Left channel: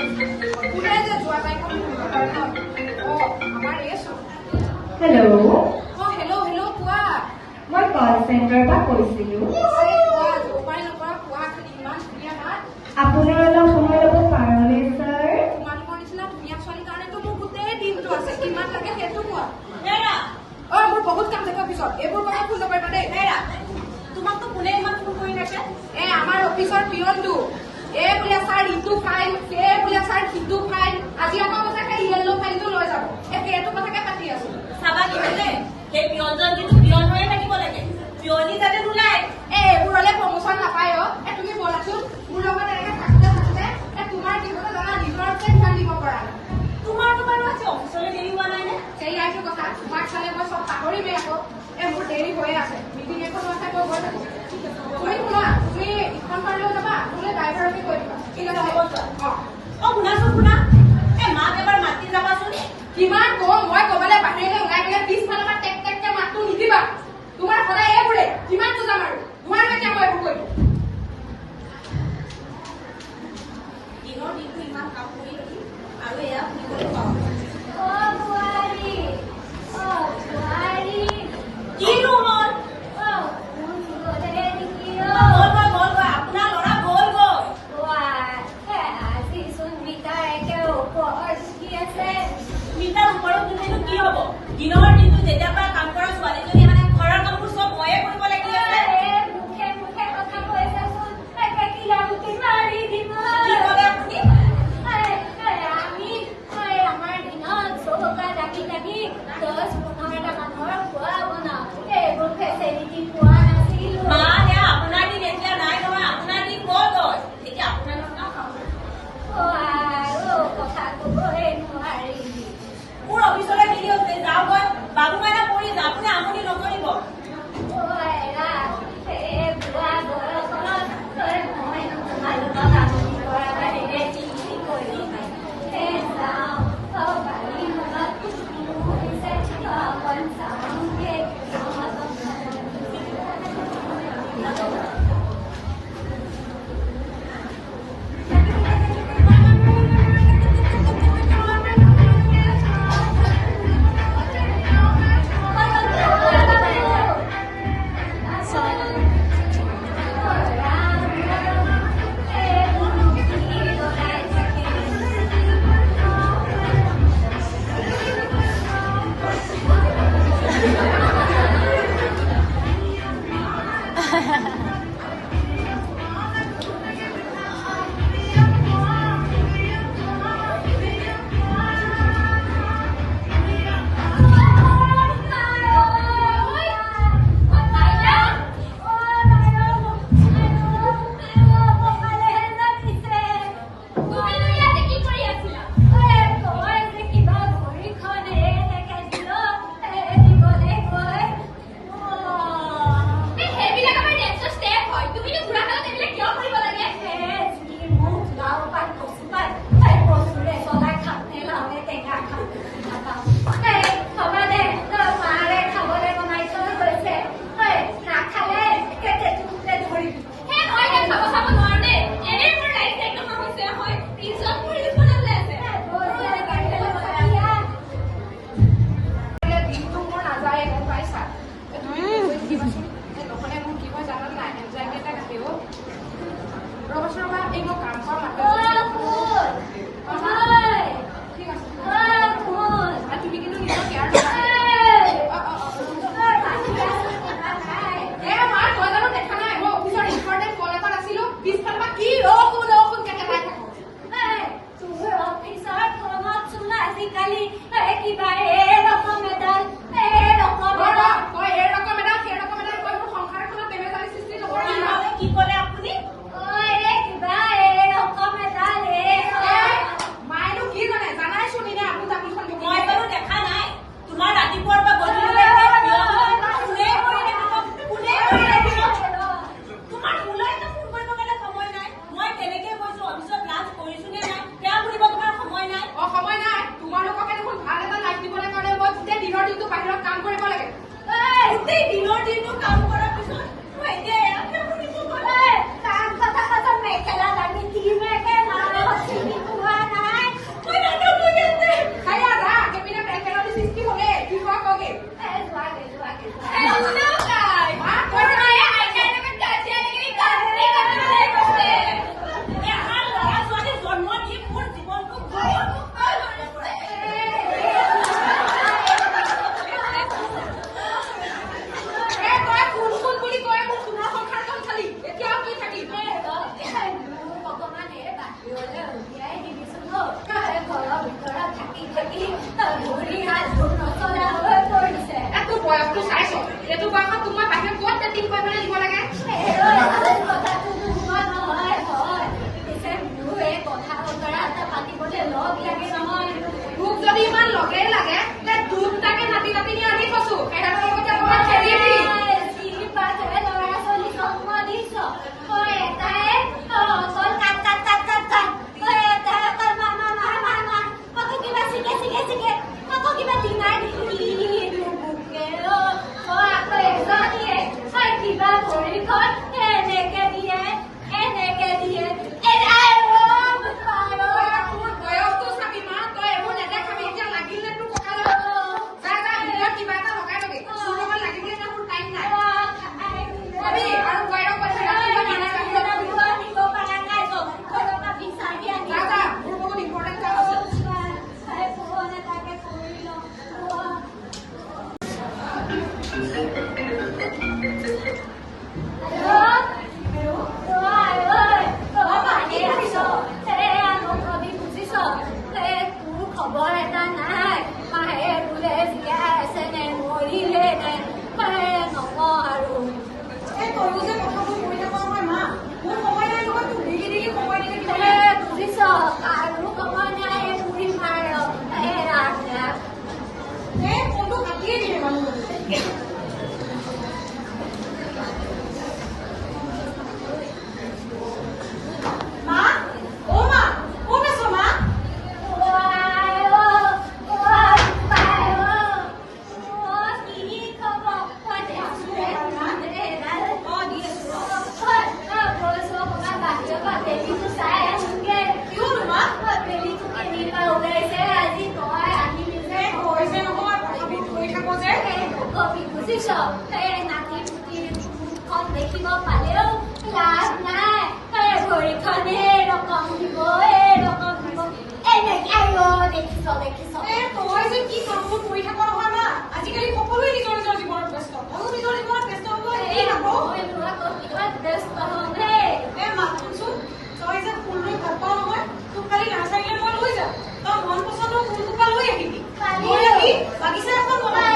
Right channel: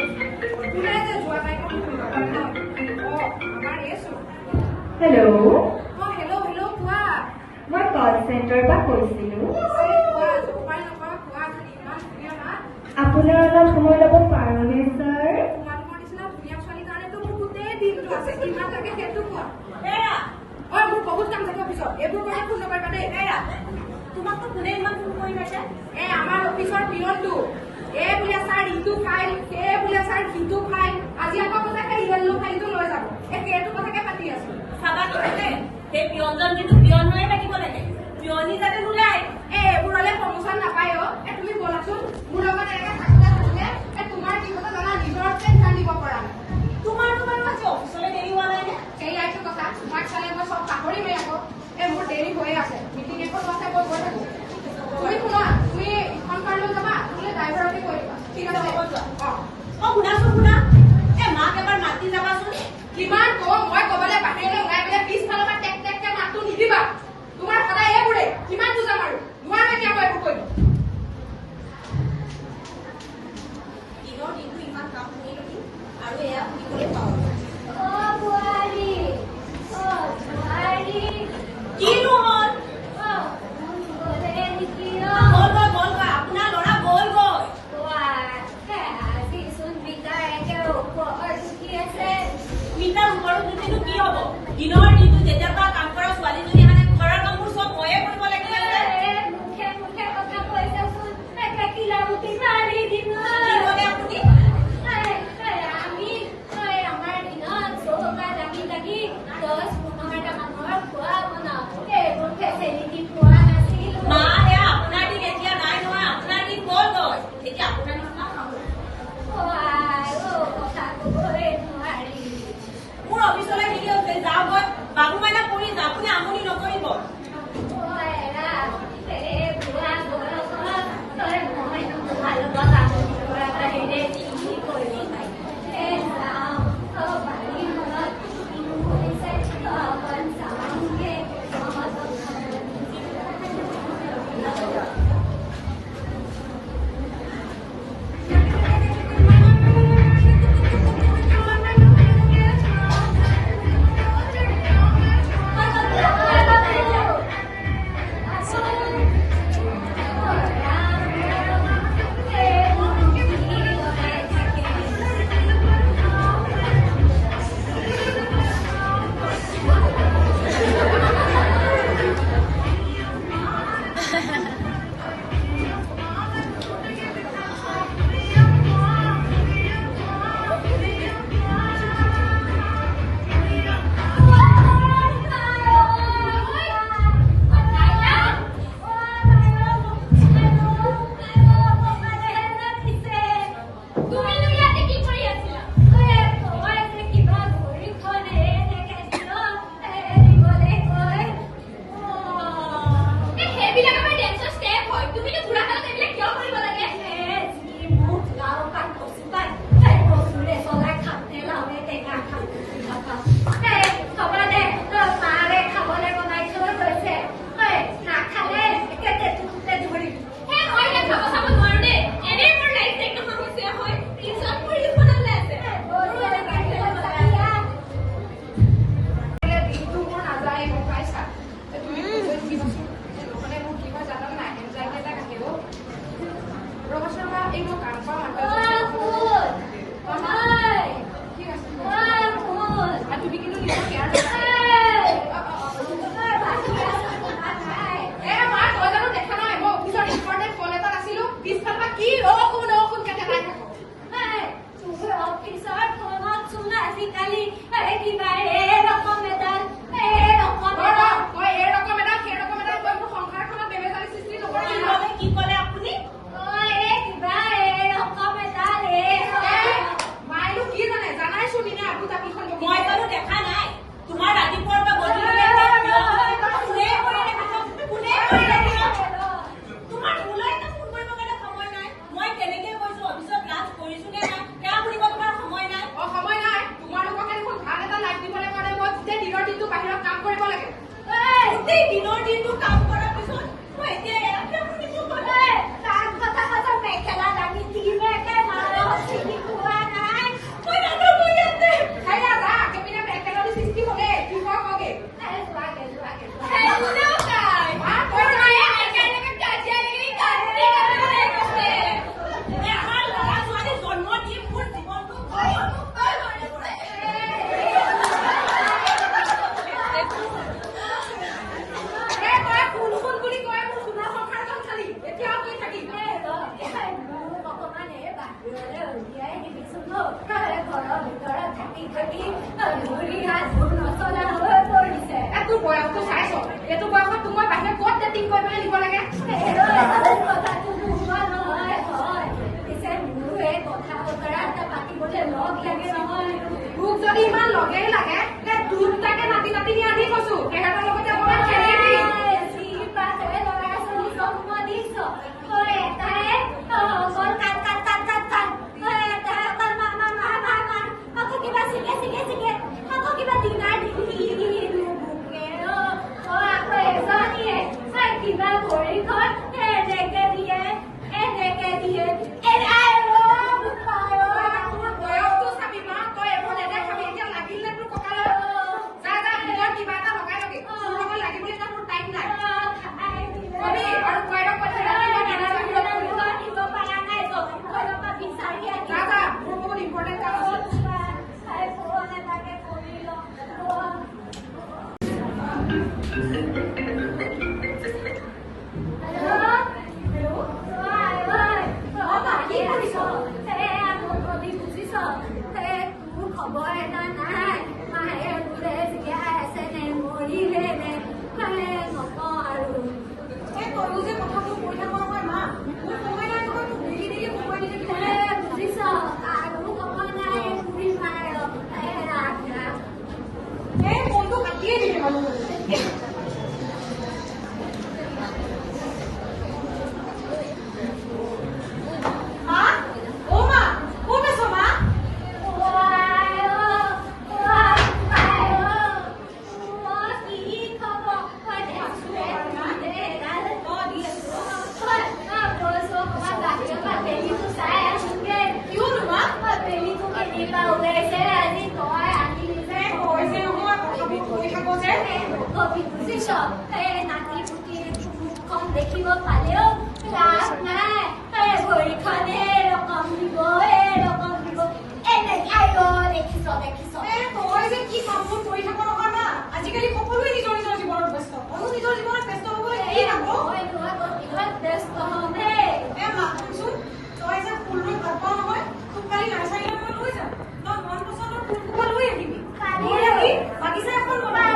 Hello. Hello, কোৱা। মই কল চেণ্টাৰৰ পৰা কৈছিলোঁ। আপোনাৰ অলপ সময় ল'ব পাৰোঁনে ছাৰ? তোমালোকৰ নিচিনা ধুনীয়া ছোৱালীৰ কাৰণেতো মোৰ গোটেই দিনটো আছে। কিমান লাগে সেইটো কোৱা। মোৰ বহুত কাম থাকে অফিচত। এইবোৰ কথা ভুল নকৰিবা দেই। তোমাকতো কোনে ইমান ফোন কৰি থাকে? আমাৰ অফিচৰ পিয়নটো। বোলে ছাৰ ইটো ফাইল, বোলে ছাৰ সিটো ফাইল। আজি আকৌ কৈছে সেই য়েল্ল' ফাইলটো লৈ যাব। সেইটো কথাকে পাতি আছো। চাবা কি হৈছে সেই পিয়নজন কিন্তু পিয়ন হৈয়ে থাকিব লাগে। পিয়নি যাতে নোলায়। এইবোৰলে প্ৰমোচন নাপায় অ। তুমি বলাচোন মোৰ লগত এনেকে থাকোতে তোমাৰ জীৱনত জানা নিজৰকে ধ্যান দিব পৰা। তোমাৰতো বাৰু আজি অফিচলৈ দেৰি হোৱা নাই নে? সেইয়াইটো কথা। তোমাক চালে মই চব পাহৰিমেই আকৌ। মোৰ দেৰি হৈয়ে আছে। মিটিং এখন আছে মই গৈ থাকো। তুমি শুনা, তুমি ইখন কাৰণলৈ যাবা, বোলে ড্ৰাইভাৰকে কৈ দিবা। ঠিক আছে হ'ব যোৱা। শুনা মাক এবাৰ মাতি যাবাচোন। কিমান কম মই কবালে বাহিৰলৈ ওলাই গলে পিছফালৰ পৰা টেক মাতটো নিদিবা। তোমাৰ সদায় এইবোৰে কিমান বুজাম আৰু নোৱাৰো এতিয়া মই এইবোৰ কৰিম। দিনৰ দিনটো ইমান কাম কৰি আৰু এয়া শুনিবলৈ পাওঁ। কিনো হ'ল? আপোনাৰ ল'ৰা গ'ল গৈ। মিটাৰ ওপৰত দিলেনো কি হ'ব? দিনৰ দিনটো যেতিয়াৰ পৰা কাম কৰা ছোৱালীজনী মানে ঘৰৰ কামবোৰ চব ময়ে কৰিব লাগিলে। আপোনাৰ দিন এতিয়া নাই নহয়, আপোনাৰ দিন গ'ল গৈ। এতিয়া আপোনাৰ কথা মোৰ অফিচলৈ দেৰি হৈছে, যাওঁ গৈ। বাবু মাইনা কৰি যাওঁ, আপুনি আমনি নকৰিব। থাকি ভৰি হাতবোৰ নচলা হৈ পৰিছে। তোৰ বয়সটো চাইছ এইটো বয়সত তোক মই বাহিৰত ক'ত ডেটিং কৰিবলৈ দিব লাগে কথাটো নোহোৱা নহয় হয় পিছে মোৰো এই কথা বতৰা এটা পাতিবলৈ লগ লাগে নহয়। তোক যদি ইমান লগে লাগে তে তোক তাকে নাতি নাতিনি আনি থৈছো সিহঁতৰ লগতে মই খেলি দিম ল'ৰা ছোৱালী জন্ম দিছ তই এটাই অকল কাট কাট কাট কাট কাট তই এটাই অকল মামা মামা মামা আকৌ কিবা চিকে চিকে চিকে আকৌ কিবা ডিঙাৰ দিলো বুকে তই আকৌ এজনীয়ে তই কিবা ভৰিখন এনেকে দিয়ে তোৰ বয়সটো চাবি মা তই এইবোৰ নেদেখাবি এতিয়া লাগিলে তোৰ কঁকালত যা যা ভিতৰত কিবা এটা লগাই লবি তোৰ লগত লাগিবলৈ ইমান মোৰ টাইম নাই কবি আৰু বাইৰক কৈছে যা যা মোৰ বহুত ইম্পৰ্টেণ্ট কাম আছে খবৰ এটা নাই মায়ে বোলে জীয়াই আছে নে মৰিলে নে মায়ে নকওঁ আৰু তইও যে কথাবোৰ কৈ নাপাওঁ মই মা মোৰ সময় নাই নহয় তোক দেৰি দেৰি সময় দি থাকিব বুজিছ আৰু সময় নাই বুঢ়ী মাৰ ফোনটো কাটিয়ে দিয়ে মা অ মা ক'ত আছ মা দেখিব পালেও লাভ নাই ভৰিখনে ৰকম দিব এনেকে দেখিছ তই যে কি কামবোৰ কৰি থাক নহয় মা আজিকালি সকলোৱে নিজৰ নিজৰ জীৱনত ব্যস্ত ময়ো নিজৰ জীৱনত ব্যস্ত হ'ব কি থাকো ব্যস্ত হম মা শুনচোন তই যে ফুল ৰুই ভাল পাওঁ নহয় তোক কালি নাৰ্চাৰীলৈ মই লৈ যাম তই মন পচন্দৰ ফুল সোপা লৈ আহিবি লৈ আহি বাগিচা এখন বনাই